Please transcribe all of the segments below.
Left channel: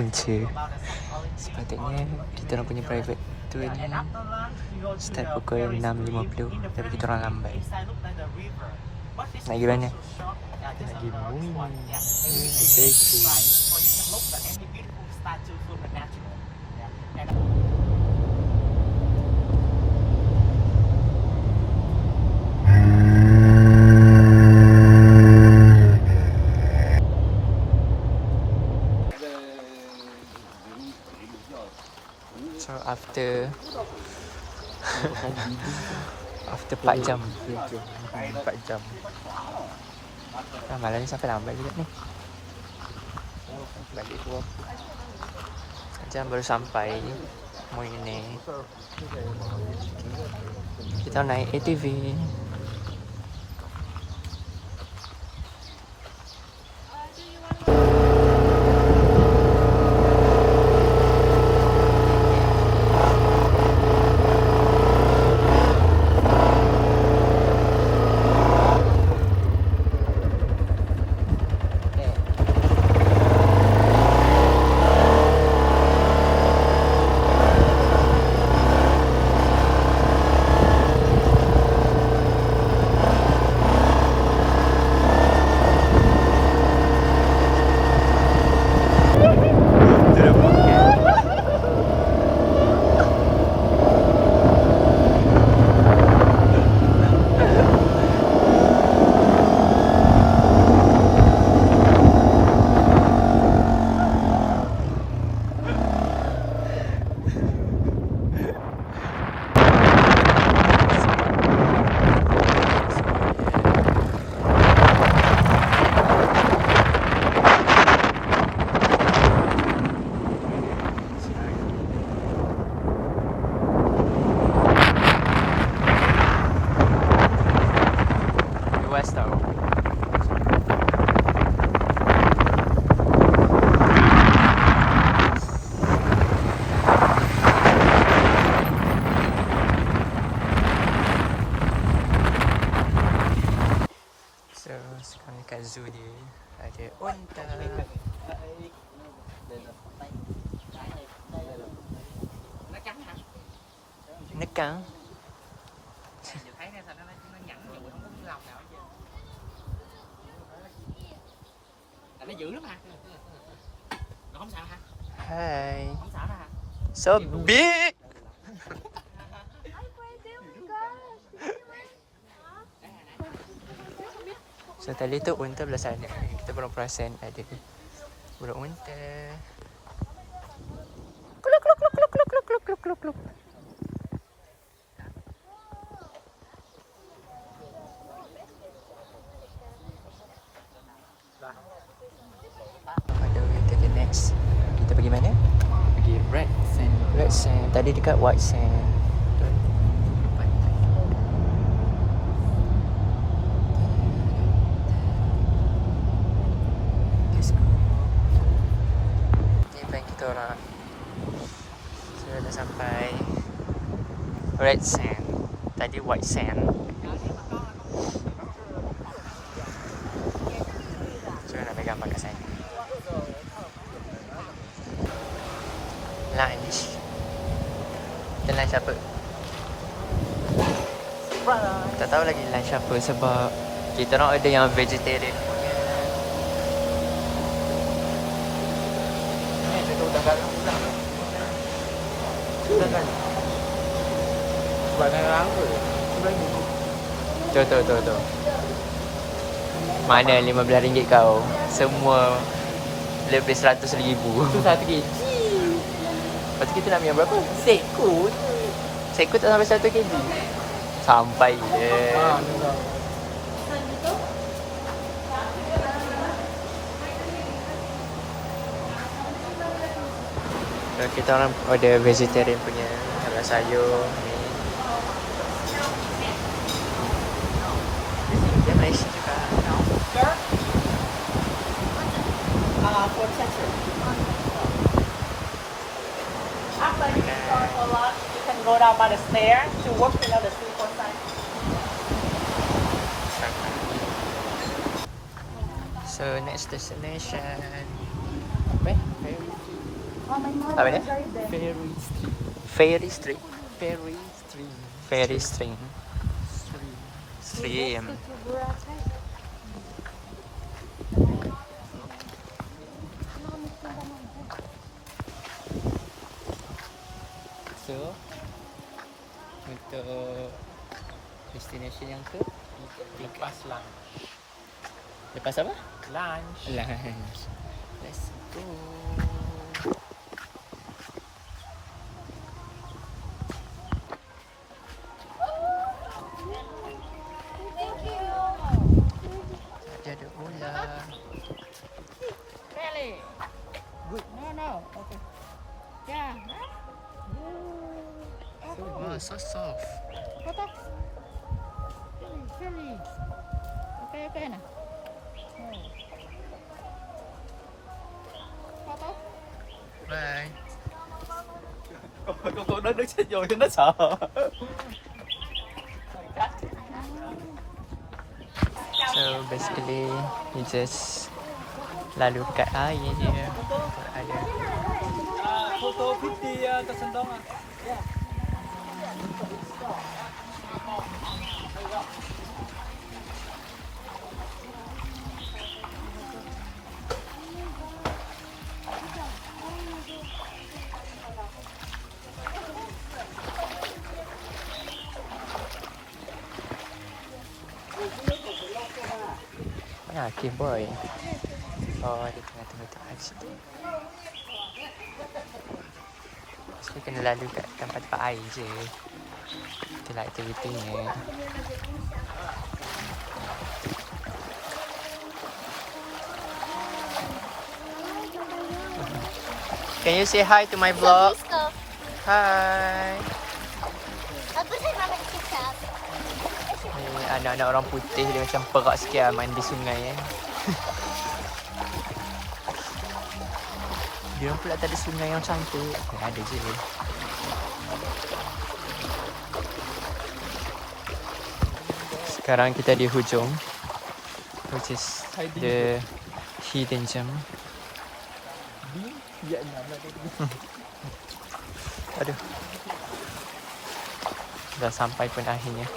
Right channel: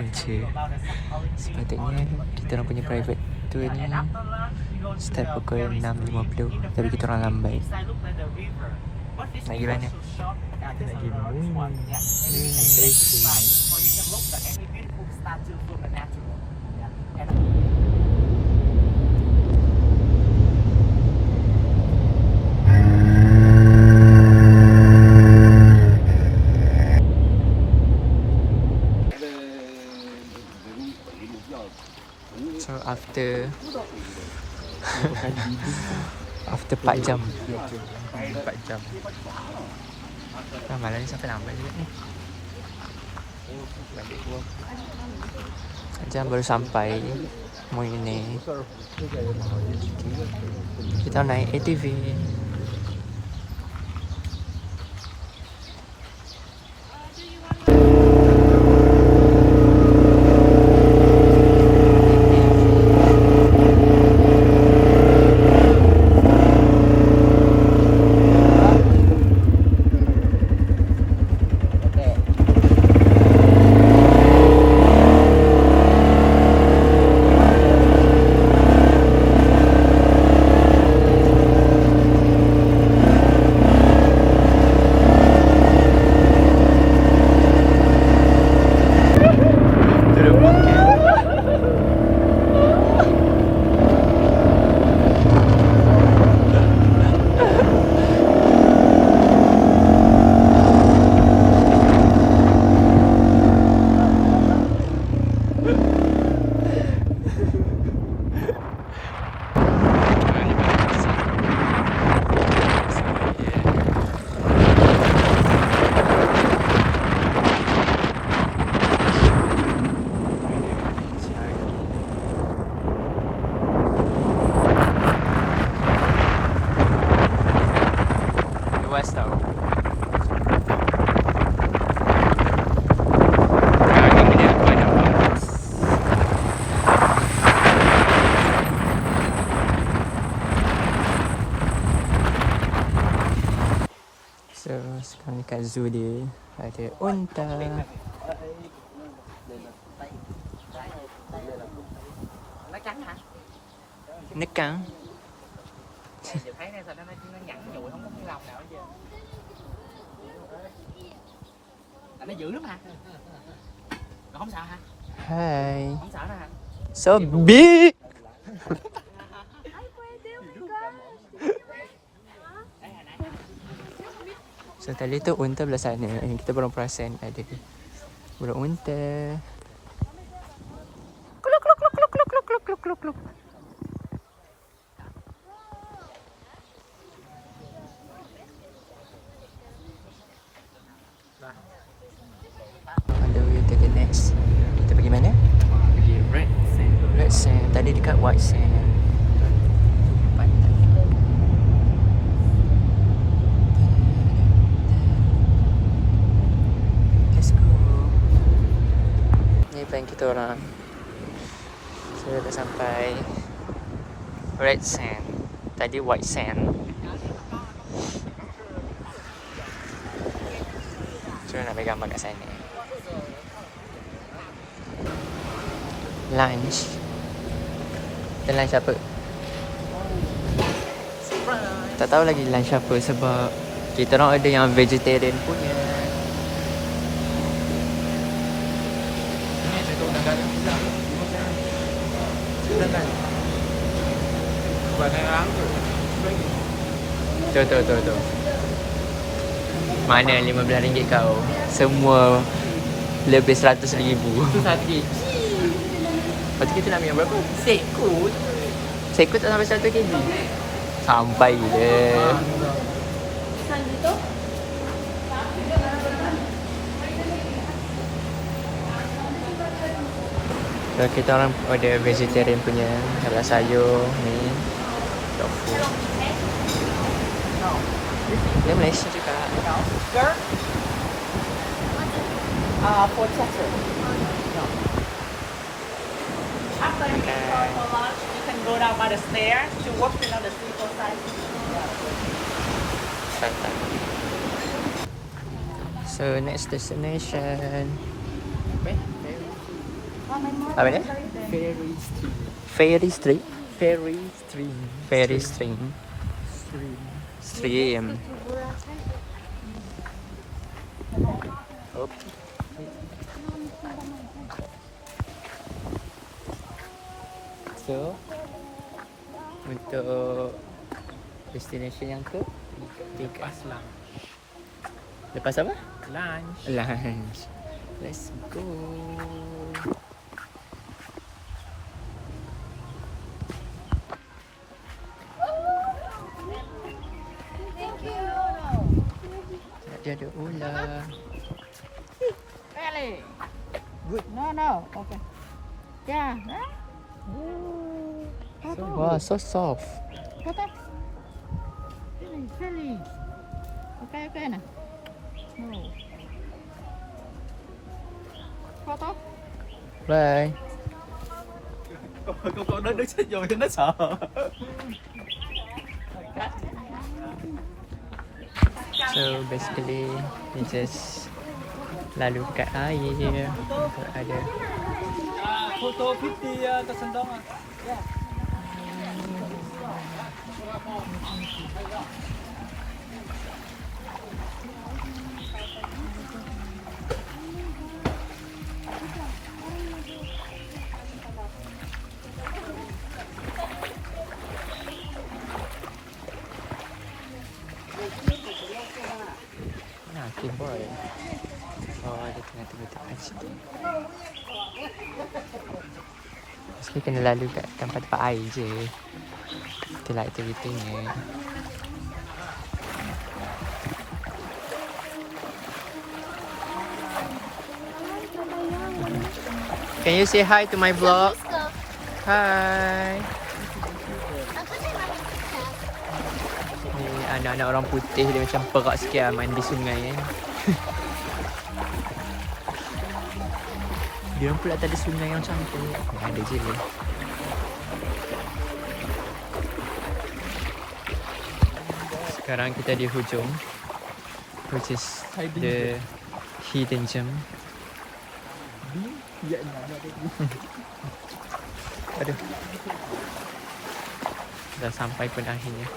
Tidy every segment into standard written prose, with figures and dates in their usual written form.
punca. Sepatutnya kita orang punya private tour ni start pukul 6.50, tapi kita orang lambat. Nak pergi mana? Nak pergi Moon. So after 4 jam. 4 jam. Malam ni sampai lambat juga ni. 4 jam baru sampai Moyne. Kita naik ATV. Luas tau. So sekarang dekat zoo dia ada unta. Nekang. Nó dữ lắm hả? Nó không sợ hả? Hai. Không sợ đâu hả? So big. So tadi tu unta belah sana. Yang kita belum perasan ada burung unta. Kluk kluk kluk kluk kluk kluk kluk kluk kluk kluk. On the way to the next. Kita pergi mana? Pergi Red Sand. Red Sand. Tadi dekat White Sand. Let's go. Ni plan kita orang. Saya dah sampai Red Sand. Tadi White Sand. Cuma nak ambil gambar kat sana. Lunch. Kita lunch apa? Tak tahu lagi lunch apa sebab kita orang ada yang vegetarian punya. Tu. Mana RM15 kau? Semua lebih RM100,000. Itu satu kg. Lepas tu kita nak ambil berapa? Sekut. Sekut tak sampai 1 kg. Sampai je. So kita orang order vegetarian punya. Kalau sayur ni tofu. Dia Malaysia juga. Sir? For Texas. After you Okay. eat for lunch, you can go down by the stairs to walk to the sleeper side. Santai. So next destination. Apa dia? Ferry stream. Fairy Street. Ferry stream. Fairy Stream. Stream. Stream. So, untuk destination yang ke tiga. Lepas lah. Lepas apa? Lunch. Lunch. Let's go. Dia ada ular. Really? No. Okay. Yeah. Wah, so soft. Foto. Really. Okay nah. No. Foto. Bye. Cô nó đứng chết rồi cho nó sợ. So basically we just lalu kat air. Ada Photo 50 tersendong ah. Okay boy. Oh, dia tengah tengah situ. Mesti kena lalu kat tempat-tempat air je. Itulah aktivitinya. Can you say hi to my vlog? Hi. Ni anak-anak orang putih dia macam perak sikit lah main di sungai kan. Dia pula tak ada sungai yang cantik. Ada je. Sekarang kita di hujung, which is the hidden gem. Aduh. Dah sampai pun akhirnya.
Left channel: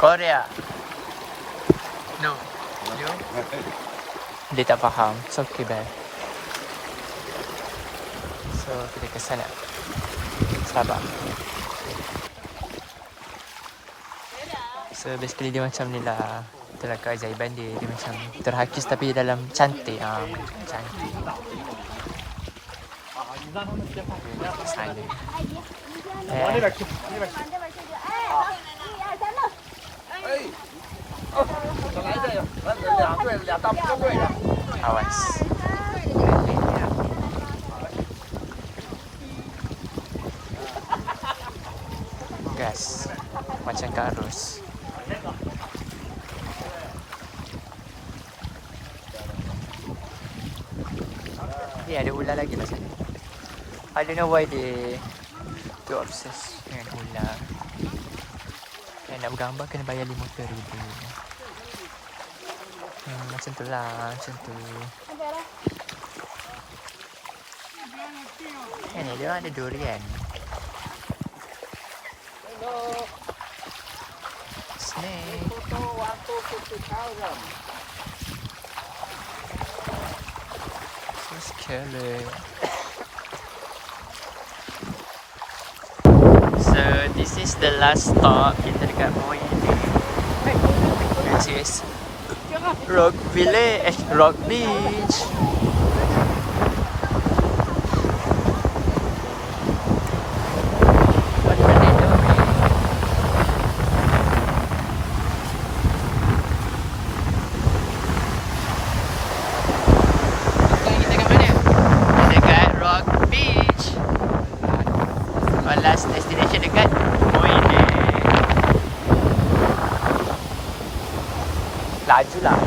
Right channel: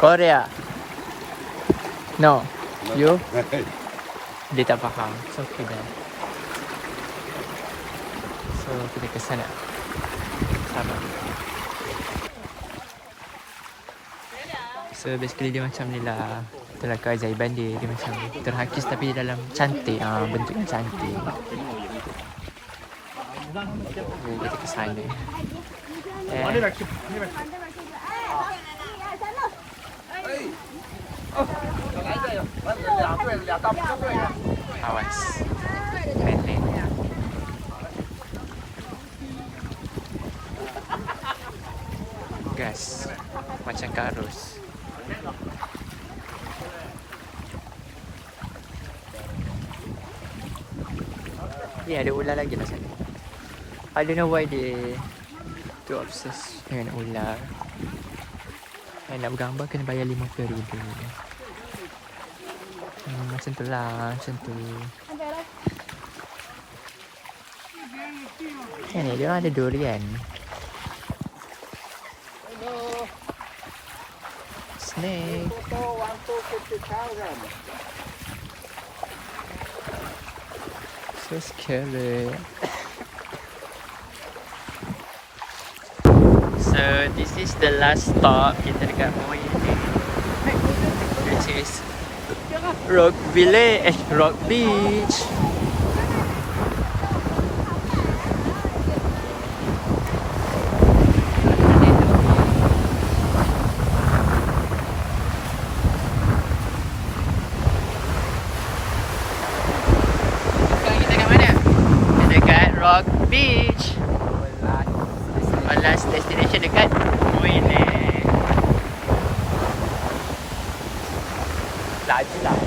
Korea. No. You? Dia tak faham. It's okay dah. So kita ke sana. Sabar. So basically dia macam ni lah. Itulah keajaiban dia. Dia macam terhakis tapi dalam cantik. Bentuknya cantik. Kita ke sana. Awas. Gas. Macam ke arus. Ya, ada ular lagi lah sana. I don't know why they too obsessed dengan ular. Nak bergambar kena bayar RM50,000. Macam tu lah, macam tu. Ni dia orang ada durian. Snake. So scary. So this is the last stop kita dekat Moy, which is Rock Village, Rock Beach. Sekarang kita kat mana? Dekat Rock Beach. Last destination dekat Moy. Laju lah.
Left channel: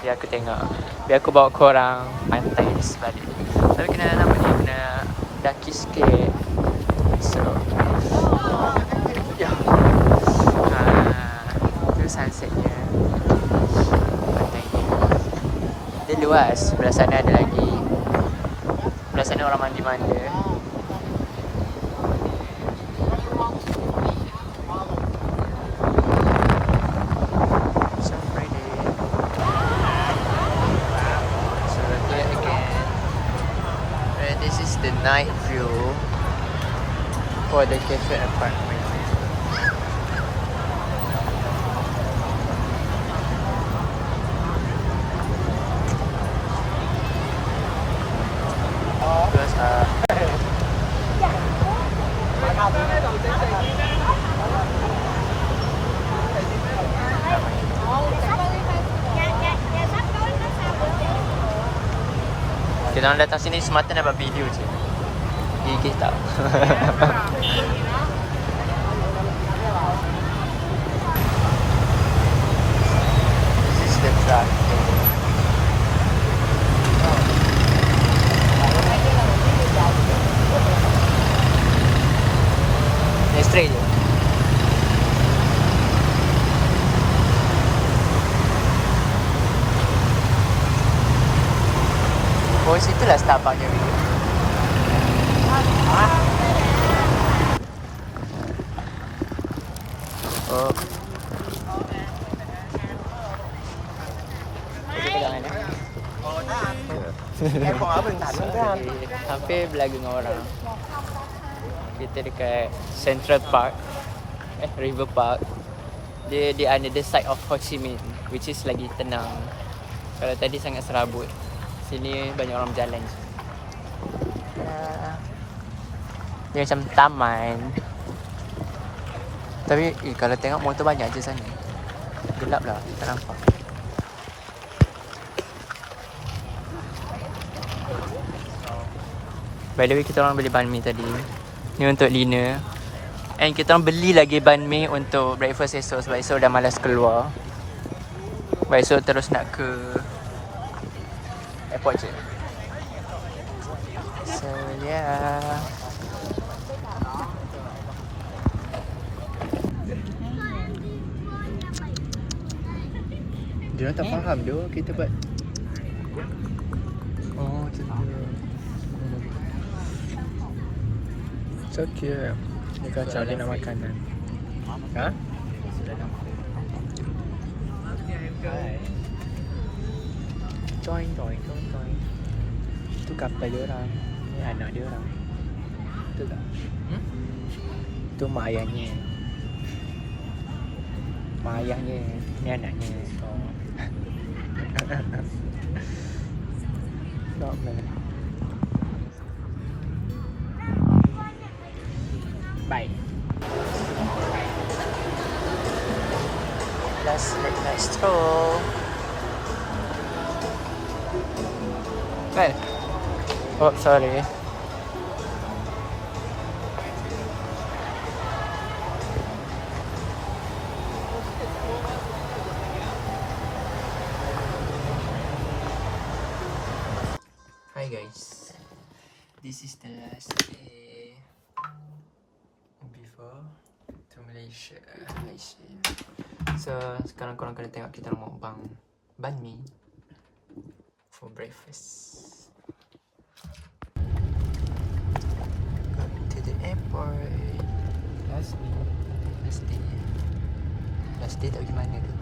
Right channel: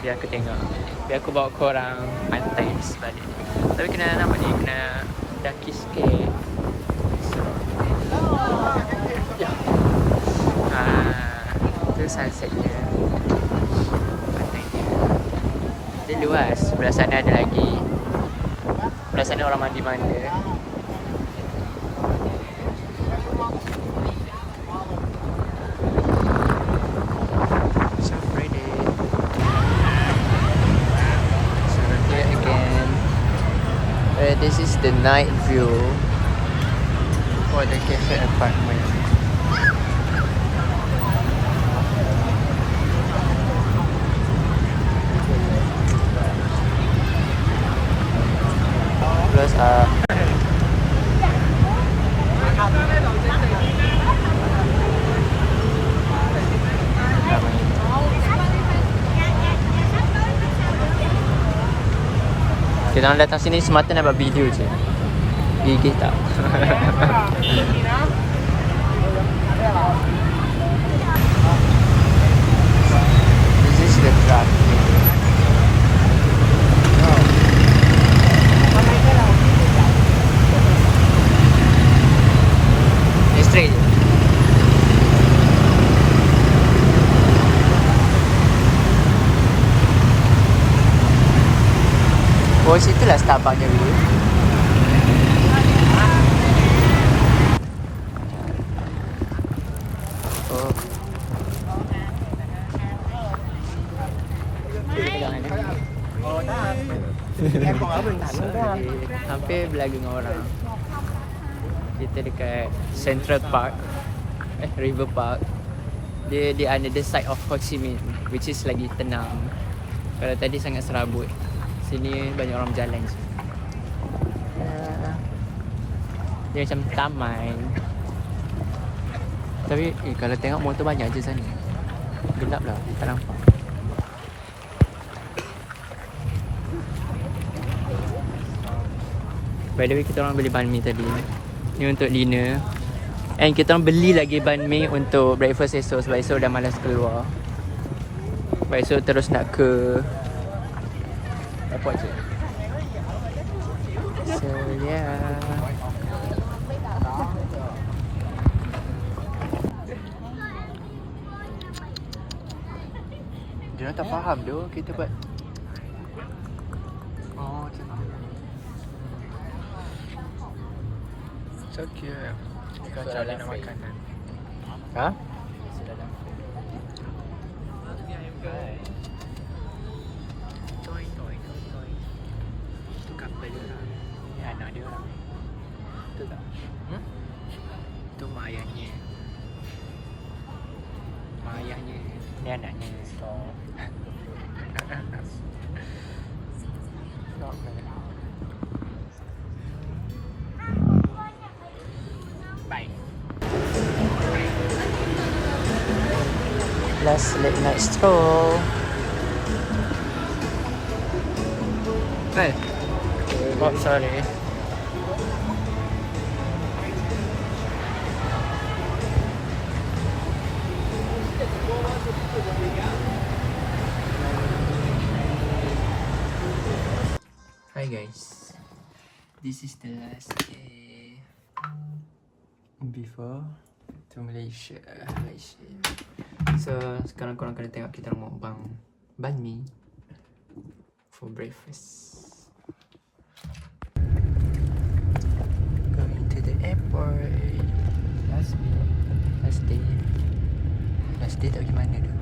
biar aku tengok. Biar aku bawa korang pantai sebalik. Tapi kena nampak ni, kena daki sikit. So tu sunsetnya, pantainya. Dia luas. Sebelah sana ada lagi. Sebelah sana orang mandi-mandi. So pretty. So here again. This is the night view for the cafe apartment. Plus namanya. Kita orang datang sini semata nak buat video je. Gigih tak? This is the traffic. Straight je. Oh, situlah Starbucksnya dulu. Oh. Ồ, đó anh. Em còn ở Bình Thạnh nữa đó anh. Hampir berlagi dengan orang. Kita dekat Central Park, River Park. Dia di another side of Ho Chi Minh, which is lagi tenang. Kalau tadi sangat serabut. Sini banyak orang berjalan je. Ya. Dia macam taman. Tapi kalau tengok motor banyak je sana. Gelap lah, tak nampak. By the way, kita orang beli banh mi tadi. Ni untuk dinner. And kita orang beli lagi banh mi untuk breakfast esok. Sebab esok dah malas keluar. Sebab esok terus nak ke airport je. So yeah. Dia orang tak faham tu kita buat. Oh, macam tu. So cute. Dia kacau dia nak makanan. Ha? Join. Tu kapal dia orang. Ni anak dia orang. Betul tak? Tu mak ayahnya. Mak ayahnya. Ni anaknya. Stop man. Bye. Last late night stroll. Hey. Oh, sorry. Hi guys. This is the last day before to Malaysia. So sekarang korang kena tengok kita orang mukbang banh mi for breakfast. Going to the airport. Last day. Last day tak pergi mana tu.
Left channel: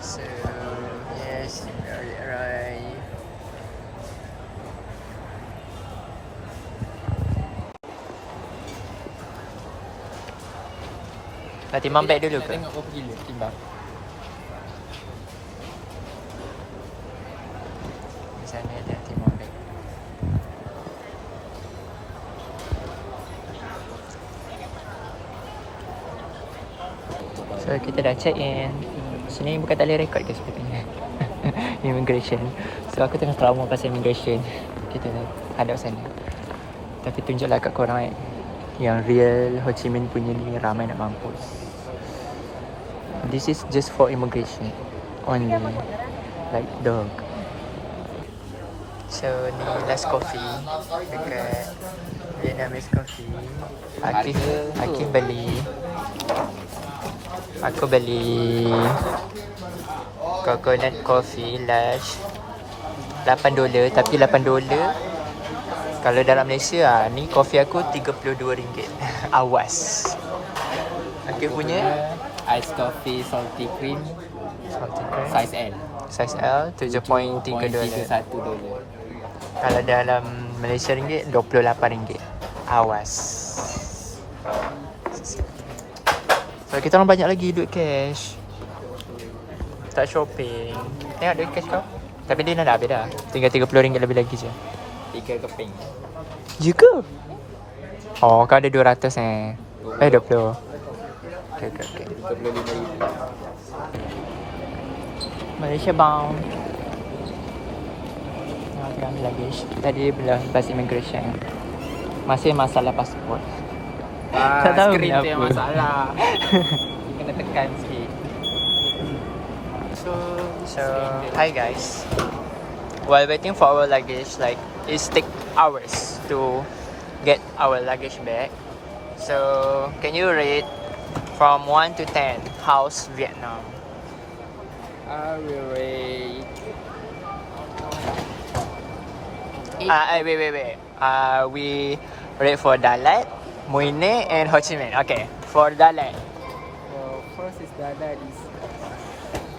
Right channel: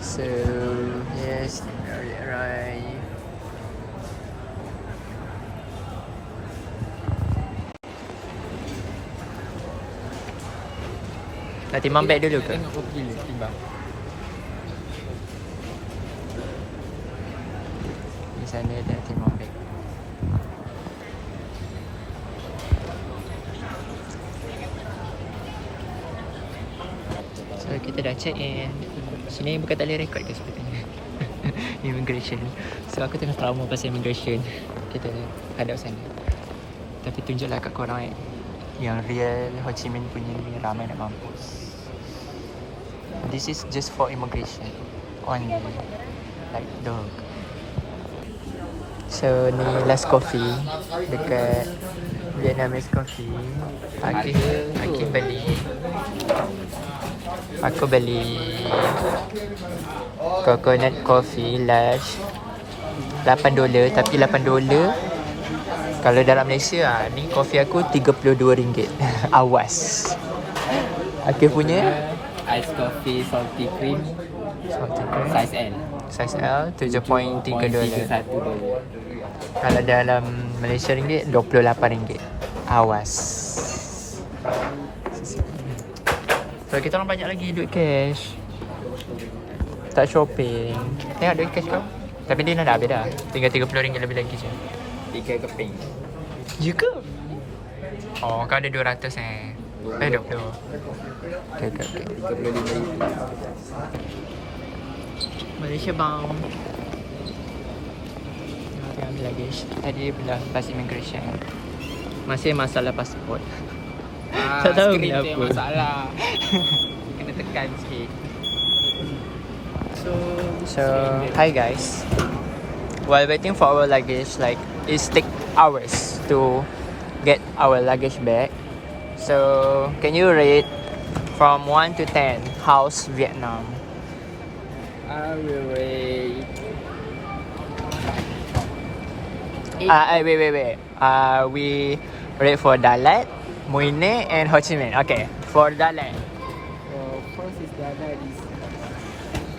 So yes, we arrived. Nak timbang beg dulu ke? Tengok berapa kilo timbang. Di sana ada timbang beg. So kita dah check in. Sini bukan tak boleh record ke sebenarnya. Immigration. So aku tengah trauma pasal immigration. Kita dah hadap sana. Tapi tunjuklah kat korang Yang real Ho Chi Minh punya ni ramai nak mampus. This is just for immigration only. Like dog. So ni last coffee dekat Vietnamese coffee. Aki beli. Aku beli coconut coffee large $8, tapi $8 kalau dalam Malaysia ni kopi aku RM32. Awas. Aku punya Ice coffee salty cream salty cream size L. size L $7.3. $7.31. Kalau dalam Malaysia ringgit RM28. Awas. Kalau kita orang banyak lagi duit cash. Tak shopping. Tengok duit cash kau. Tapi dia dah habis dah. Tinggal RM30 lebih lagi je. 3 keping. Ya ke? Oh, kau ada 200 eh. 20. Okay. 35,000. Malaysia bound. Tengah ambil luggage. Tadi bila lepas immigration. Masih masalah pasport. Tak tahu screen tu kenapa. yang masalah. Kena tekan sikit. So, hi guys. While waiting for our luggage, like it take hours to get our luggage back. So, can you rate from 1 to 10 how's Vietnam? I will rate Wait. We rate for Dalat, Mui Ne, and Ho Chi Minh. Okay, for Dalat, well, first is the other is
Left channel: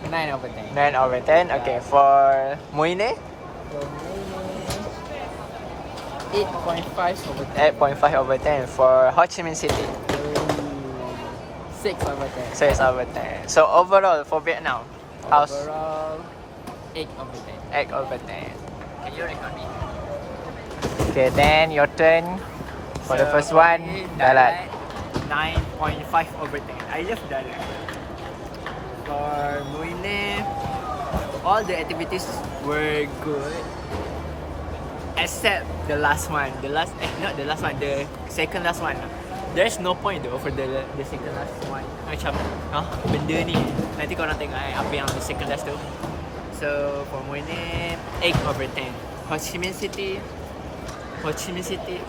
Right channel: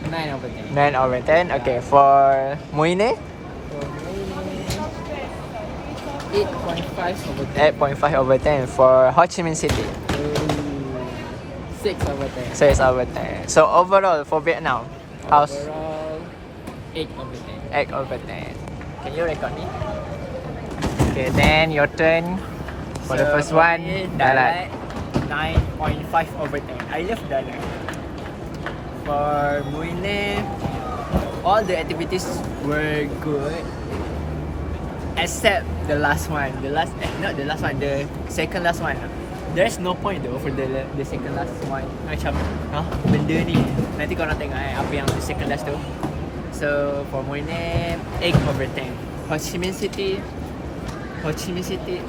9 over 10. 9 over 10. Okay, for Mui Ne, For me, 8.5 over 10. 8.5 over 10. For Ho Chi Minh City, 6 over 10. 6 over 10. So overall for Vietnam, how's Overall, 8 over 10. 8 over 10? Can you record me? Okay, then your turn. For the first one, Dalat. 9.5 over 10. I love Dalat. For Mui Ne, all the activities were good except the last one. Not the last one, the second last one. There's no point though for the second last one. Macam, benda ni. Nanti korang tengok apa yang the second last tu. So for Mui Ne, 8 over 10. Ho Chi Minh City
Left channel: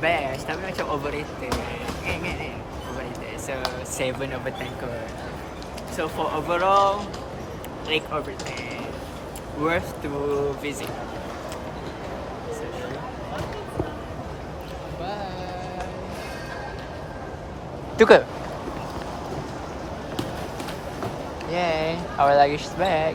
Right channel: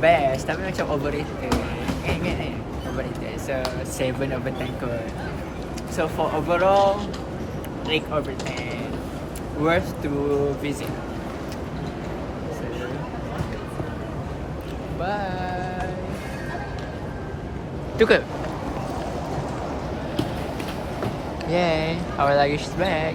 best, tapi macam overrated. Overrated. So 7 over 10 kot. So for overall, 8 over 10. Worth to visit. So, bye. Tu ke? Yay, our luggage is back.